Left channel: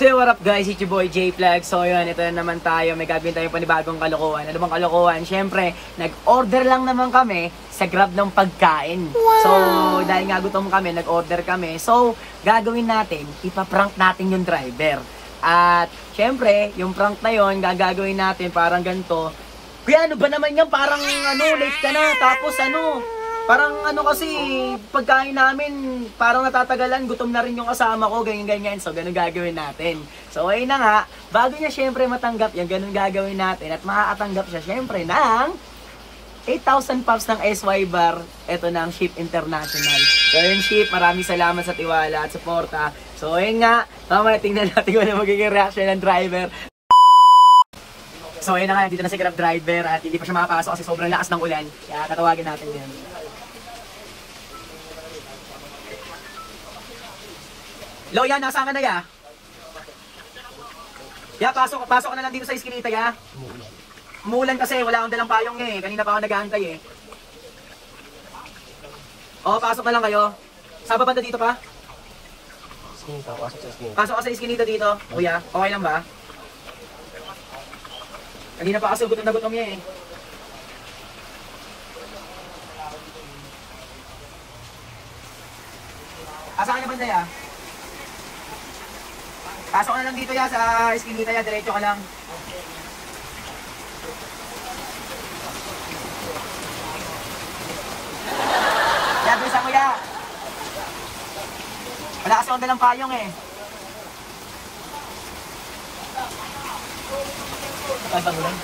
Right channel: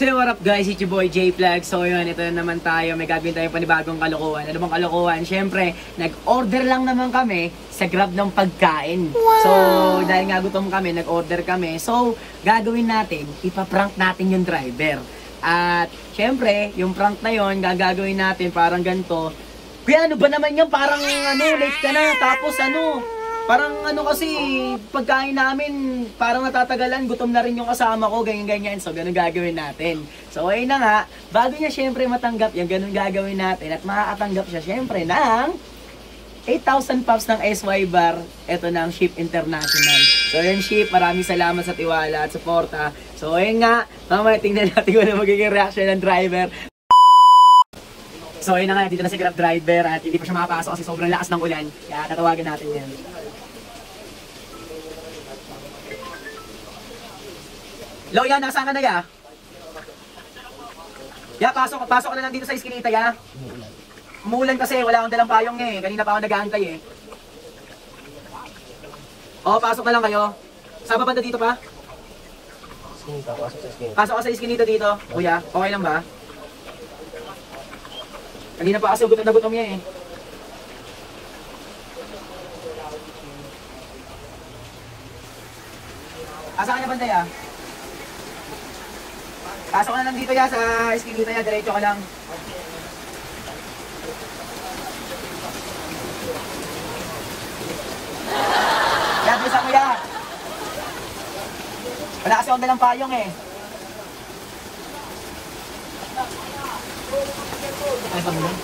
So what up guys, it's your boy J-Flag. So yun, ito na naman tayo. May gagawin tayo panibagong kalokohan. Ano bang kalokohan? Siyempre, nag-order lang naman kami sa Grab ng pagkain. Wow. So dahil nga gutom kami, nag-order kami. So gagawin natin, ipaprank natin yung driver. At siyempre, yung prank na yun, gagawin natin parang ganito. Kuya, ano ba naman yan? Parang late ka na. Tapos parang kasi pagkain namin parang natatagalan, gutom na rin yung kasama ko, ganyan-ganyan. So ganun gagawin natin. So ayun na nga, bago niya syempre matanggap yan, ganun gagawin natin. At makakatanggap siya syempre ng 8,000 pops ng SY Bar. Ito na ang Ship International. So yun Ship, maraming salamat sa tiwala at suporta. So ayun nga, mamaya tingnan natin kung ano magiging reaction ng driver. So ayun na nga, dito na si Grab driver at hindi pa siya makapasok kasi sobrang lakas ng ulan. Kaya tatawagin natin yan. Lo, yan, nasa akin na ya. Ya, pasok ka na lang dito sa iskinita ya. Umuulan kasi, wala akong dalang payong eh. Kanina pa ako nag-aantay eh. Oo, pasok na lang kayo. Saan ba banda dito pa? Pasok ka sa iskinita dito. Kuya, okay lang ba? Kanina pa kasi gutom na gutom niya eh. Saan ka banda ya? Pasok na lang dito ya sa iskinita ya, diretso ka lang. Yan, bisa mo ya. Wala kasi akong dalang payong eh. Ay, pamulan.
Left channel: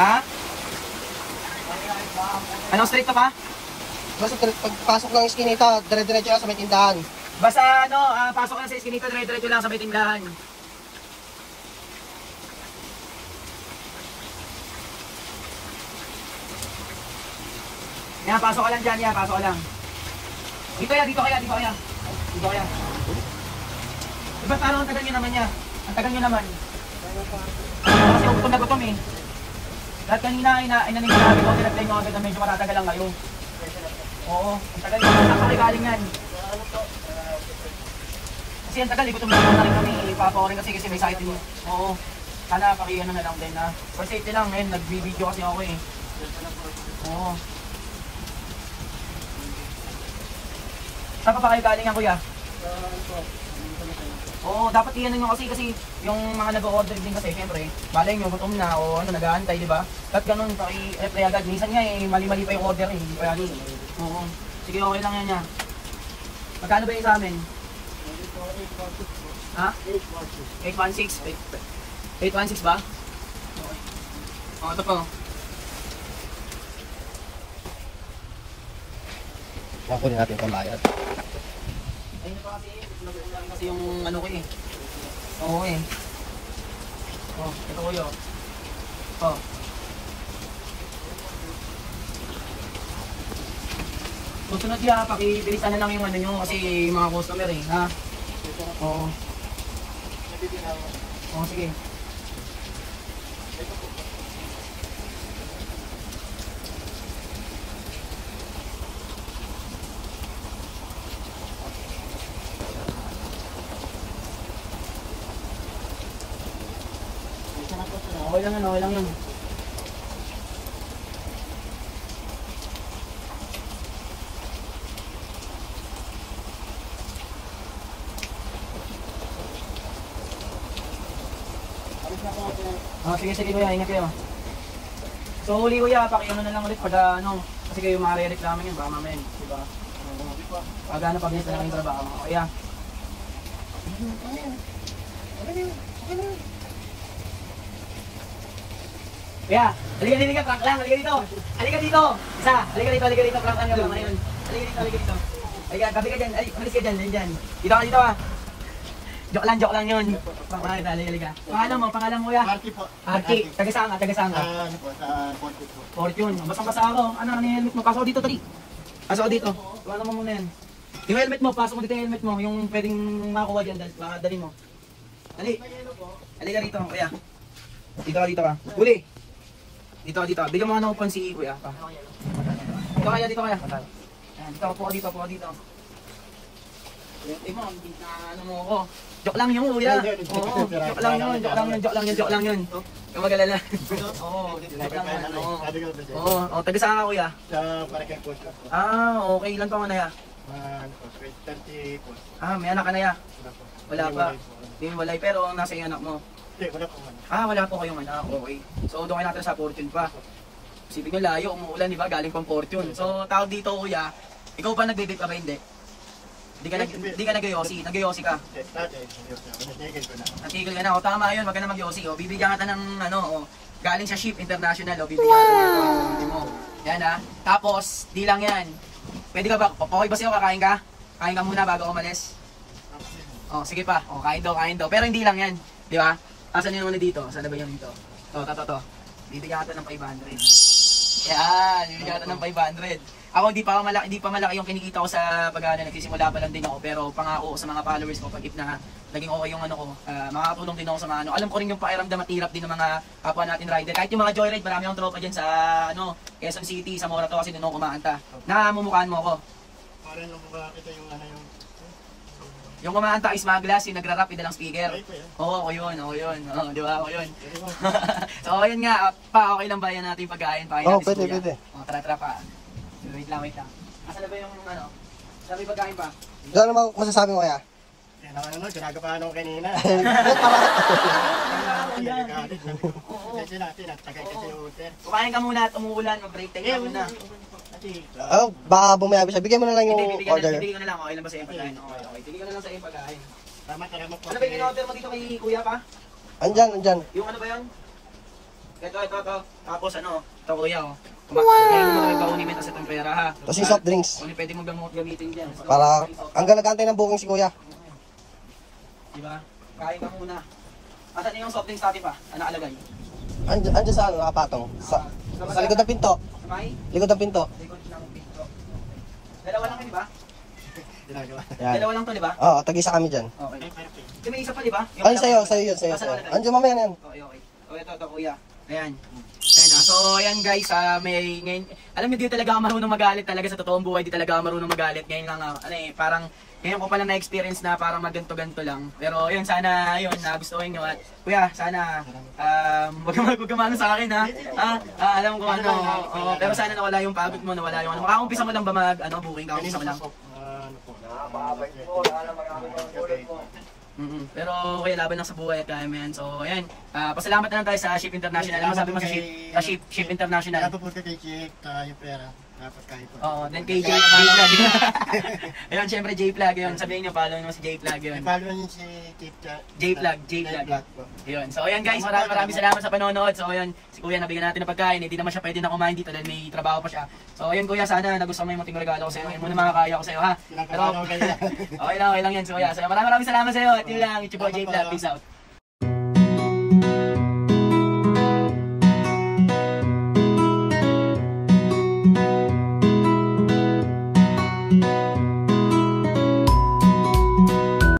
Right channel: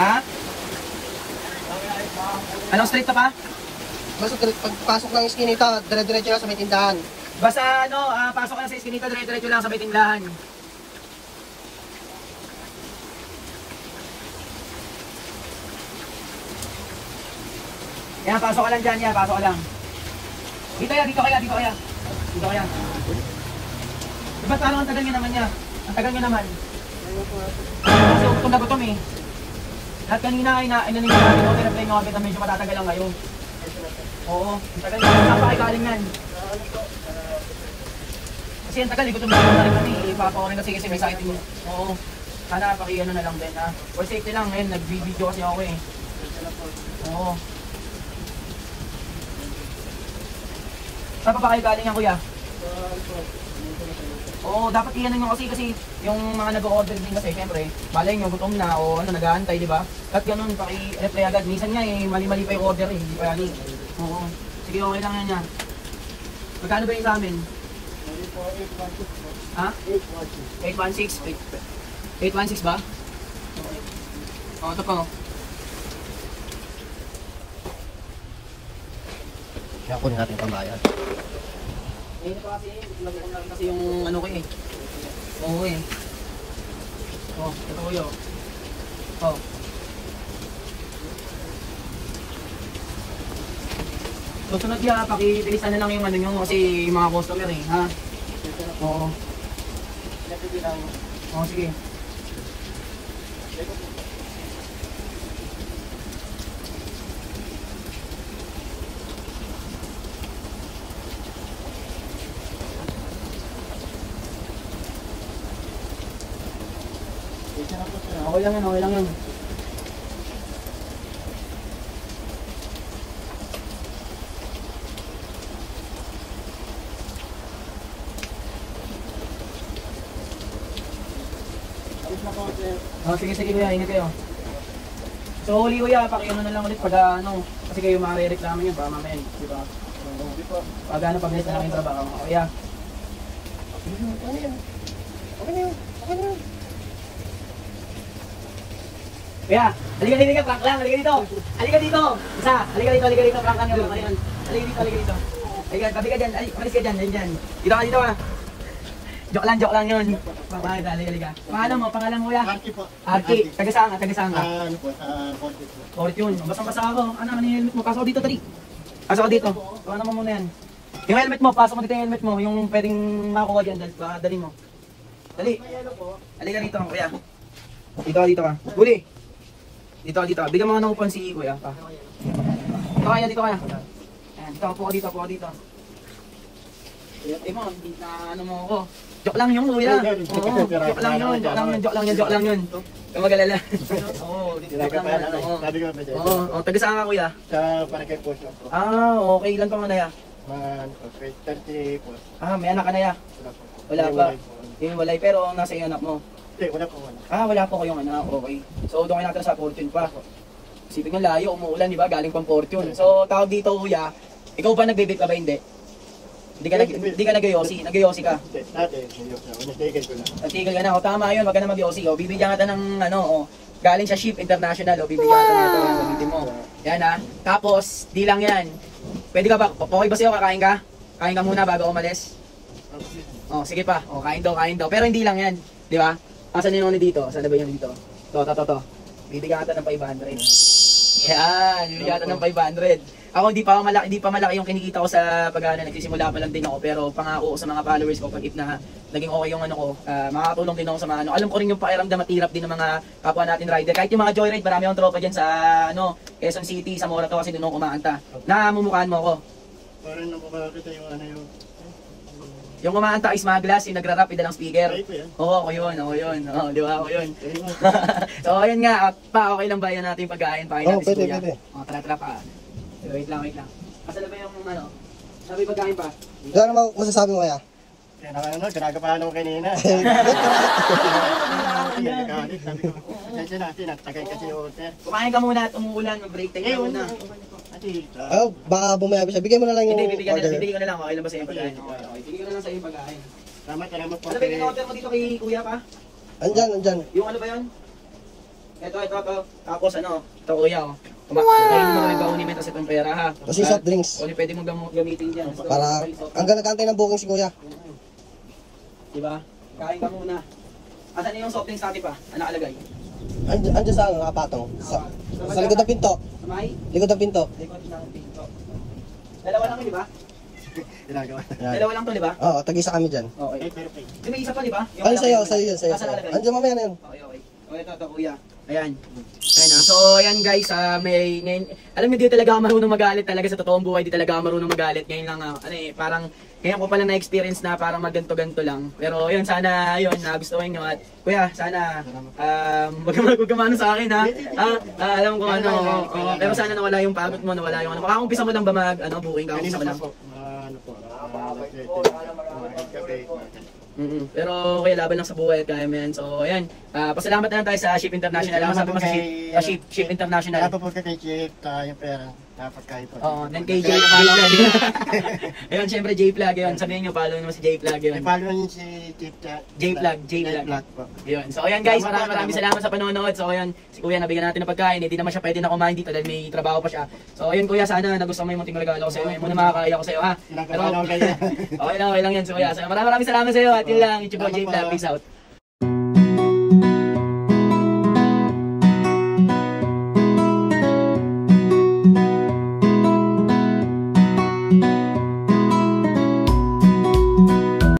Ha? Anong street to pa? Pagpasok ng iskinita, dire-diretso na sa may tindahan. Basta pasok ka na sa iskinita, dire-diretso lang sa may tindahan. Yan, pasok ka lang dyan, yan, pasok ka lang. Dito kaya. Diba parang ang tagal nyo naman niya? Ang tagal nyo naman. Kasi gutom na gutom eh. Lahat kanina ay nanin natin ko, pinag-play nyo agad na medyo matatagal lang kayo. Oo, ang tagal nyo, napakagaling yan. Kasi ang tagal, gutom na gutom kami. Ipapa ko rin kasi may sakit din. Oo, sana pakiano na lang din. For safety lang, nag-video kasi ako eh. Oo. Saan pa kayo galing yan kuya? Oo, dapat iyan nyo kasi yung mga nag-o-order din kasi, syempre, malay nyo, gutom na o nag-aantay, di ba? At ganun, paki-reply agad. Minsan nga mali-mali pa yung order eh, hindi pa yan. Oo. Sige, okay lang yan niya. Magkano ba yung sa amin? Ha? 816. 816 ba? Oo, ito po. Kunin natin yung pambayad. Ayun ito kasi yung ano ko eh. Oo eh. Oh, ito ko yun. Oh. Susunod niya, pakibilisan na lang yung ano nyo kasi yung mga customer eh, ha? Oo. Oo, sige. Okay lang yan. Oh, sige kuya, ingat kayo. So huli kuya, pakiano na lang ulit pag kasi kayo makarereklamo yan, baka mamaya, diba? Pag pabilis na lang yung trabaho, kuya. Okay na. Kaya, halika, prank lang, halika dito. Halika dito, prank lang yung mga yun. Halika dito. Halika, kapi ka dyan, malis ka dyan, dito ka. Joke lang yun. Prank lang, halika. Pangalan mo kuya? Arky po. Arky, taga-saan ka? Ano po, Fortune. Basang-basa ako. Ano yung helmet mo? Pasok dito, tali. Pasok dito. Tuwanan mo muna yan. Yung helmet mo, pasok mo dito yung helmet mo. Yung pwedeng makakuha dyan, dali mo. Dali. Halika dito, kuya. Dito ka. Huli. Dito. Bigyan mo nga ng upan si kuya. Dito kaya. Ayan, dito ka dito. Tingnan mo, na ano mo ko. Joke lang yun, kuya. Oo, joke lang yun, joke lang yun, joke lang yun, joke lang yun. Kung mag-alala. Oo, joke lang yun. Oo, taga saan ka, kuya? Sa Paracel po siya. Okay, ilan pa mo na ya? Mga 30 po. May anak ka na ya? Wala pa. Hindi walay, pero nasa iyo anak mo. Hindi, wala po. Wala po kayong anak, okay. So, doon kayo natin sa Fortune pa. Isipin nyo, layo, umuulan, di ba? Galing pang Fortune. So, tawag dito, kuya, ikaw ba nagbe-vape ka ba? Hindi. Hindi ka nag-yosi. Nag-yosi ka. Dati, natigil ko na. Natigil ka na. O, tama yun. Wag ka na mag-yosi. O, bibigyan ka ng, galing sa Ship International. O, bibigyan ka ng hindi mo. Yan, ha. Tapos, di lang yan. Pwede ka ba? Okay ba sa'yo? Kakain ka? Kain ka muna bago umalis? O, sige pa. O, kain daw. Pero hindi lang yan. Di ba? Asan yung ano dito? Saan na ba yung dito? To. Bibigyan ka ng 500. Yan. Bibigyan ka ng 500. Ako hindi pa malaki yung kinikita ko sa pag-ano, nagsisimula pa lang din ako, pero pangako ko sa mga followers ko pag if na naging okay yung ano ko, makakatulong din ako sa mga ano. Alam ko rin yung pakiramdam at hirap din ng mga kapwa natin rider. Kahit yung mga joyride, marami akong tropa diyan sa Quezon City, sa Morato kasi doon ako kumaanta. Namumukhaan mo ako. Parang nakakita yung ano yung... Yung kumaanta is mga glass, yung nagra-rap, idalang speaker. Ay, po yan. Oo, ako yun. Di ba? Ako yun. So, ayun nga, okay lang ba yun natin yung pagkain? Oo, pwede. Tara pa. Wait lang. Asan na ba yung sabi pagkain pa? Wala naman masasabi mo kaya? Pinagapahan ako kanina. Kasi natin, nagtagay kasi yung hotel. Kumain ka muna at umuulan, mag-break time ka muna. Baka bumayabi siya. Bigyan mo na lang yung order. Bibigyan ko na lang. Okay lang ba sa iyong pagkain? Okay. Bibigyan ko na lang sa iyong pagkain. Salamat po. Ano ba yung in-order mo dito kay kuya pa? Andyan. Yung ano ba yan? Ito. Tapos ito kuya Kaya mo kami paunin sa itong pera ha. Tapos yung soft drinks. Kung pwede mo gamitin dyan. Para hanggang nag-antay ng booking si kuya. Diba? Kain ka muna. Asan yung soft drinks natin pa? Ano nakalagay? Andyan sa nakapatong. Sa likod ng pinto. May? Likod ng pinto. Likod ng pinto. Dalawa lang di ba? Yan. Dalawa lang to di ba? Oo, tag-isa kami dyan. Okay. Di may isa pa di ba? Ay, sa'yo yun. Andyan mamaya na yan. Okay. Ito kuya. Ayan. So, ayan guys, ngayon, alam niyo, di talaga ako marunong magalit talaga sa totoong buhay, di talaga ako marunong magalit. Ngayon lang, parang, ngayon ko pala na-experience na parang magganto-ganto lang. Pero yun, sana, nagustuhan nyo at, kuya, sana, wag gamano sa akin ha. Alam ko pero sana nawala yung pagod mo, nawala yung makakampisa mo lang ba booking, kakampisa mo lang. Pero kaya laban lang sa buhay at kaya mo yan. So ayan, pasalamat na lang tayo sa Ship International. Ano sabi mo sa Ship International? Napapot ka kay Chip, yung pera. Dapat kahit pa. Oo, then kay J-Plug. Ayun, syempre J-Plug yun. Sabihin nyo, follow nyo si J-Plug yun. I-follow nyo si J-Plug. Ayun. So ayan guys, maraming salamat sa panonood. So ayan, si kuya nabigyan natin ng pagkain. Hindi naman siya pwede na kumain dito dahil may trabaho pa siya. So ayun kuya, sana nagustuhan mo yung munting regalo ko sa iyo. Muna makakaya ko sa iyo ha. Pero okay lang yan. So kuya, maraming salamat sa iyo. At yun lang, YouTube J-Plug. Peace out.